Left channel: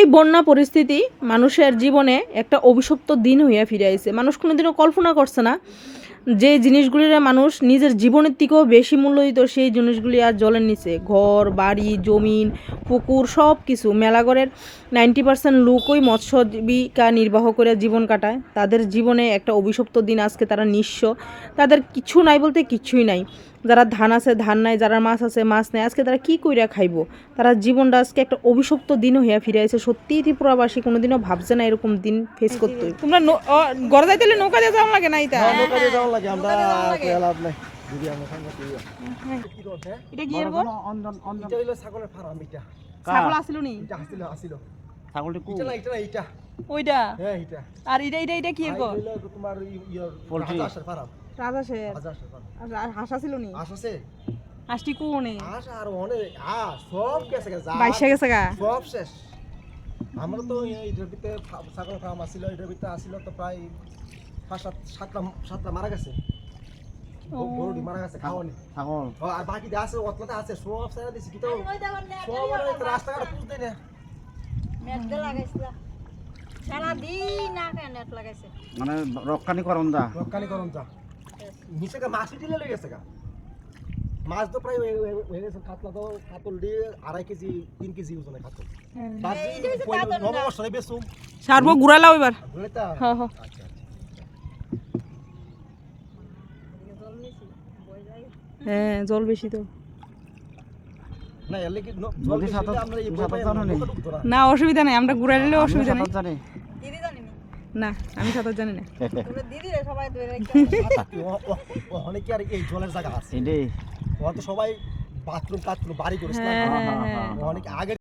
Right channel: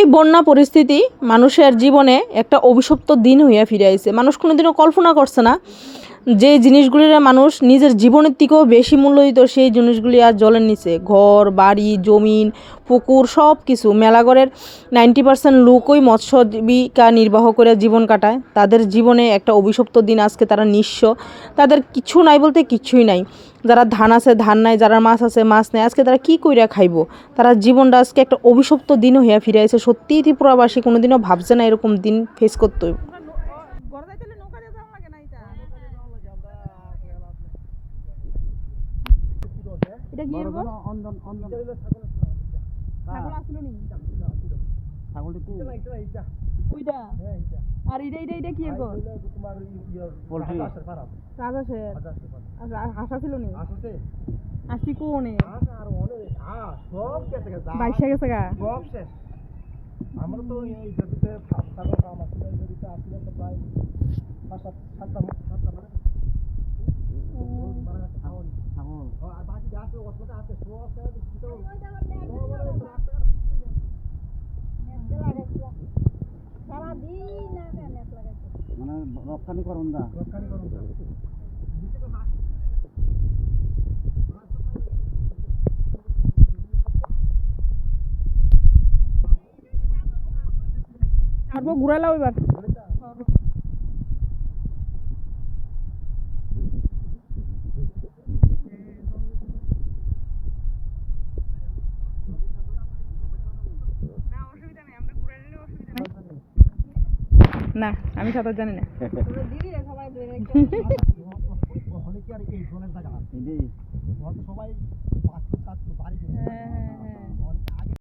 এই বন্যা পরিস্থিতি মানুষের জীবনে একটা অভিশপ্ত দিন হইয়া ফিরে আইছে। মানুষ কোনোদিনও কল্পনা করছে না যে জিনিসগুলির মানুষ নিজের জীবনের থেকেও বেশি মূল্য দিত, সেই জিনিসগুলি আর জলের নিচে। ঘর বাড়ি জমিন পুকুর সব কিছু, মেলাঘরের 90% লোকই মৎস্যজীবিকা নির্বাহ করে জীবন কাটায়। তাদের জীবনে একটা অভিশপ্ত দিন, আজকে তারা নিঃস্ব, তাদের কিছু নাই বলতে কিছুই নাই। যারা ধান আছে ধান নাই, যারা মাছ আছে মাছ নাই, আজকে তারা কি কইরা খাইব? তারা জীবনটা আজকে একটা অভিশপ্ত দিন হইয়া ফিরে আইছে। সত্যিই ত্রিপুরাবাসী কোনোদিনও ভাবছে না এরকম দিন ফেস করতে হইব। তোমরা ঘরে যাইতে নৌকা দিয়ে যাওয়া লাগে না? নৌকা দিয়ে যাওয়া লাগে, আমরা লাভ নাই। এটা কি এর গো? এটা হইলো ছাগলের ফার্ম। এটা ছাগল আছিল নি? এটা আছিল। ছাগলটি কো? এটা না, এটা না, এটা। ওইটা? হ্যাঁ, এটা। আর এটা কি এর গো? হইলো তোমার ইয়ার পোল্ট্রি হাঁসের ফার্ম। রাজাশের? হাঁসের ফার্ম। আর হাঁস আছিল নি? হাঁস আছে? হাঁসটি কোনে? হাঁস আর অনেক হাঁস সব গেছে গা। বাইশা গেছে গা? সব শেষ। আমরা তো এইটার ভিতরে ছাগল ফার্ম আছিল, এটার ভিতরে আছিল তো প্রায় 5-7টা মারা গেছে। গরুটি মারা গেছে খাওয়ানি। ছাগল আর বাকি যা আছে অতলাতে আছে সব সারা দিছি, কি তো সব রাস্তাঘাট বুঝতে না। নেট লাগাইছিল সারা দিন না নেট লাগাইছে, মানে রক্ষানি করন দা রক্ষানি করুন যা নিচে কা মাছ দিলে লেগে গেছে গা। মাছ তো প্রায় হয়ে গেছে, কাতলা তো কাতল দিয়ে 2.5 কেজি 3 কেজি ওজনে কাতল। বাজি নববর্ষে বেসুম সারবো ঘুরাইলাও এবার। বুঝতা? হ্যাঁ হ্যাঁ হ্যাঁ, জল বেশি তো না, এলে কি নদী সাঁতার আমরা এই সাঁতার জানো নি? না, অসুবিধা নেই, আমরা ঘুরাই নিলেও অসুবিধা নেই। সাঁতার জানি দিদি জানি না, আমি সাঁতার জানি না। তোমরা দিদি রে সবাই ধরে অনেক আর এই জলের জায়গা আছে, এটাই ওরা তো সবাই বাথরুম বাড়ি করেছে না। হ্যাঁ, হ্যাঁ, হ্যাঁ। অনেক আগে